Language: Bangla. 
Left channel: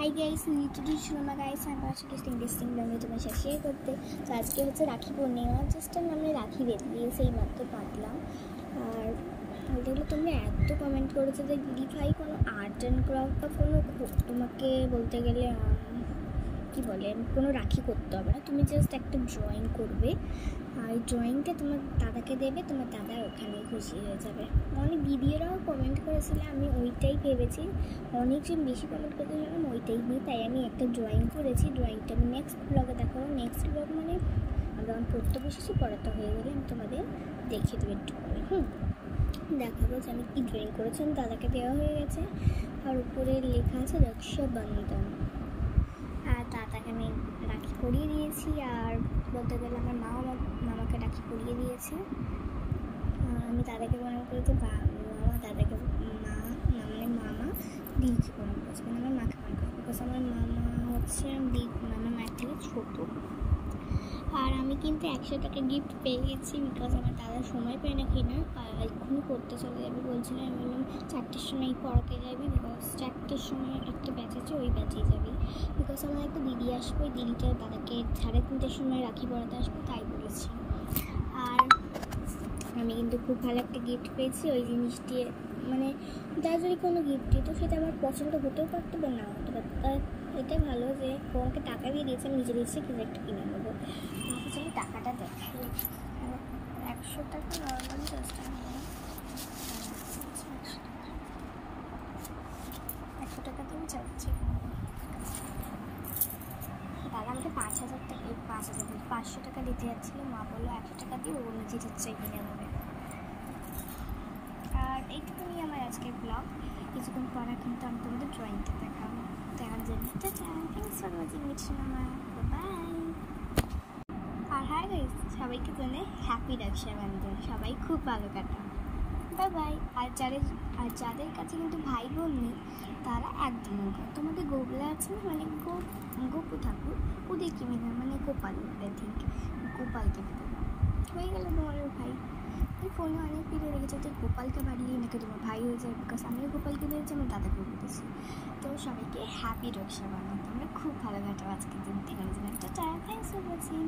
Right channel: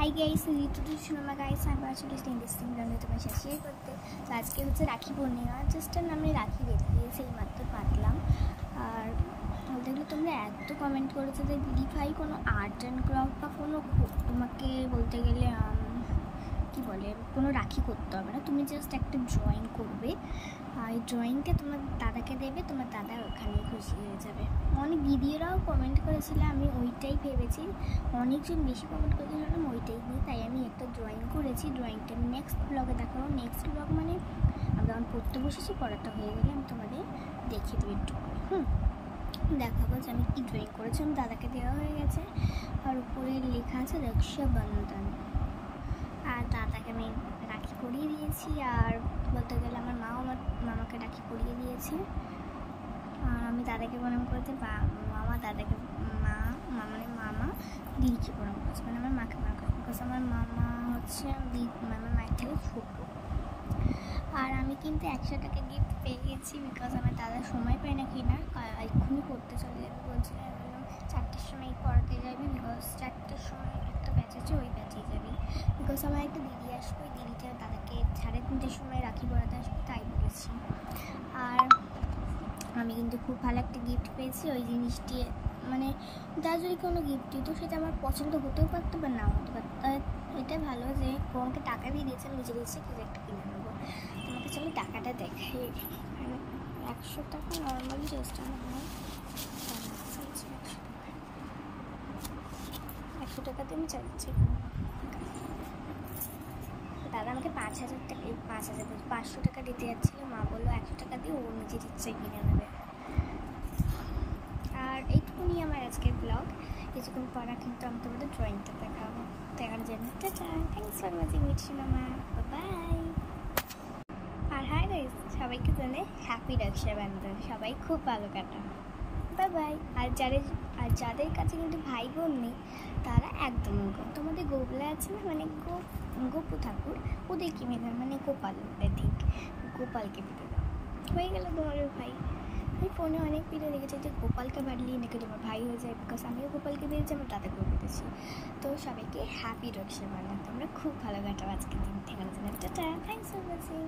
হাই গাইস, নিউট্রিশনাল গাইস, আমি আসলে ইন্টারেস্টিং ভিডিও তোমার সাথে শেয়ার করতে। তো আজকে হচ্ছে রাখি পূর্ণিমা, জাস্ট আমি রাখি বেরিয়ে সেই মাত্র পাতলাম। আর বলতে গেলে তোমরা এত কমেন্ট করেছো যে দিদি ভাই কোনো আর্ট অ্যান্ড ক্রাফট বা কোনো তোমাকে বলতে গেলে কী বলে কোনো রাখি করতে হবে না, তুমি জাস্ট একটা ড্রয়িং করবে আর এই ড্রয়িংটা তোমার দাদাকে দেবে, তোমার দাদা ওখানেই খুশি হয়ে যাবে। অনেক দিদিরাও কমেন্ট করেছিল, আমি ওইটাই ভেবেছি, অনেকজন বেশি কমেন্ট করেছিলাম ওইটাই নিয়ে, তাই আমি একটা ড্রয়িং করেছি। ড্রয়িংটা আমি নেক্সট ব্লগে দেখাবো। নেক্সট ব্লগ মানে আমি যখন পড়তে বসেছি, পড়াটা হয়ে গেলে আমি তোমাদের দেখিয়ে দেবো একটু করে দেখাবো যে আমি কী ড্রয়িং করেছি। আমি দাদাকে দেওয়া হয়ে গেছে আর উপরে লেখা আছে রক্ষাবন্ধন। আর দাদাকে আমি রাখি পরিয়ে দিয়েছি, আর বলতে গেলে আমার মাও আমার মামাকে রাখি পরিয়ে দিয়েছে। আমি দাদাকে প্রণাম করেছি, মামা দাদাকে মানে মামা দিদিকে প্রণাম করেছে, মানে আমার মাকে প্রণাম করেছে, বিকজ আমার মামা হচ্ছে আমার মায়ের থেকে ছোটো। আর আমি কিন্তু 100 টাকা গিফট পেয়ে গেছি, বিকজ আমার দাদা সময় পায় না কেনার, এক্ষুনি পড়তে চলে যাবে বলছিল। আমি বললাম 4টের সময় পড়াতে যাবি, বিকজ 4টের সময় একটা ব্যাচ আছে, ওই ব্যাচেই যাবি। বিকজ আমার একটা দিদি আসবে, ওই দিদিটা দাদাকে 3:30টার সময় রাখি পড়াতে আসবে, তাই বলেছি। আর আমি কিন্তু খুব ভালো একটা গিফট পেয়েছি। ওই জিনিসটি মানে দাদা যদি কোনো গিফট দিত সেটা আমার পছন্দ হতেও পারতো বা না হতে পারতো। এটা ভালো যে আমাকে টাকা দিয়ে দিয়েছে, আমি নিজের ইচ্ছে কিছু একটা কিনে নেবো। তোমাকে চলো টাকাটা দেখাই। 100 টাকা নর্মালি জাস্ট 100 টাকাতে আমি চাইছি। দাদা আমাকে 5,000 টাকা 500 টাকা দিতে যাচ্ছিলো, মা বললো 100 টাকা দিয়ে ও নিজের ইচ্ছায় কিনে নেবে। আর এইটুকুনি আমার আজকের ব্লগ। কিছুক্ষণ পরে কিন্তু আমি তোমাদের ড্রয়িংটা দেখাবো। দেখার জন্য thanks for watching it cinema, bye. আর হাই গাইস, সবাইকে জানে হ্যাপি রক্ষাবন্ধন, সবাই খুব ভালো কাটান, বাই। আর যাদের কাছে কিন্তু ভাই বোন নেই তারা একদম তোমাদের গোগুলা আছে না, মানে গোপু ঠাকুর, ওদেরকে মেনে মানে গোপাল, গোপালকে পেতে দাও, হয়ে গেল তোমারও ভাই। আমি ফোনে অনেক ভিডিও দেখেছি যে গোপালকে বাড়িয়ে নাকি তোমার ভাই হয়ে যায়, বিকজ আমিও গোপালকে পেয়েছি, আমার দাদাকেও পেয়েছি। তো সবাইকে হ্যাপি রক্ষাবন্ধন, তোমরা খুব ভালো কাটাও আজকের দিন থেকে। Thanks for watching.